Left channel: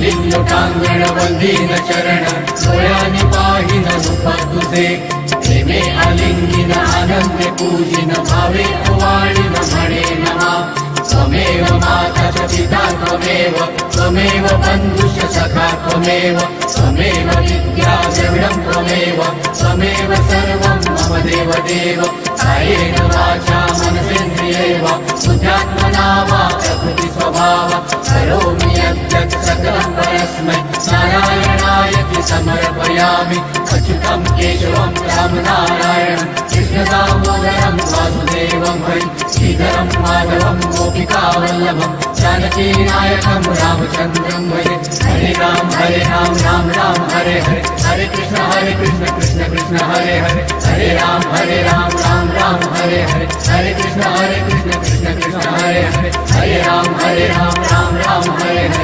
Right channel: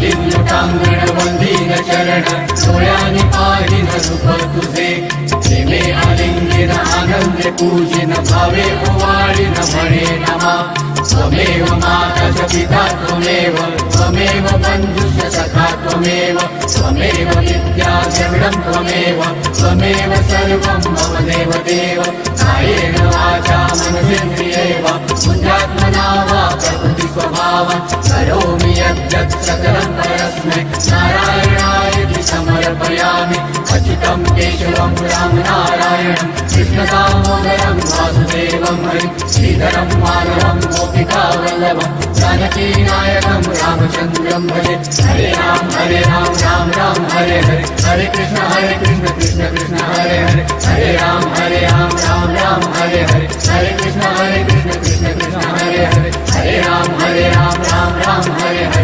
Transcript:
घालीन लोटांगण वंदीन चरण डोळ्याने पाहिन रूप तुझे प्रेमे आलिंगिन आनंदे पूजिन भावे ओवाळीन म्हणे नमा त्वमेव माता च पिता त्वमेव त्वमेव बन्धुश्च सखा त्वमेव त्वमेव विद्या द्रविडं त्वमेव त्वमेव सर्वं मम देव देव कायेन वाचा मनसेन्द्रियैव बुद्ध्यात्मना वा प्रकृति स्वभाव करोमि यद्यत् सकलं परस्मै नारायणायति समर्पयामि अच्युतं केशवं रामनारायणं कृष्णदामोदरं वासुदेवं हरिं श्रीधरं माधवं गोपिकावल्लभं जानकीनायकं रामचन्द्रं भजे हरे राम राम राम हरे हरे हरे कृष्ण कृष्ण कृष्ण हरे हरे हरे राम राम राम हरे हरे हरे कृष्ण कृष्ण कृष्ण हरे हरे हरे राम राम राम हरे हरे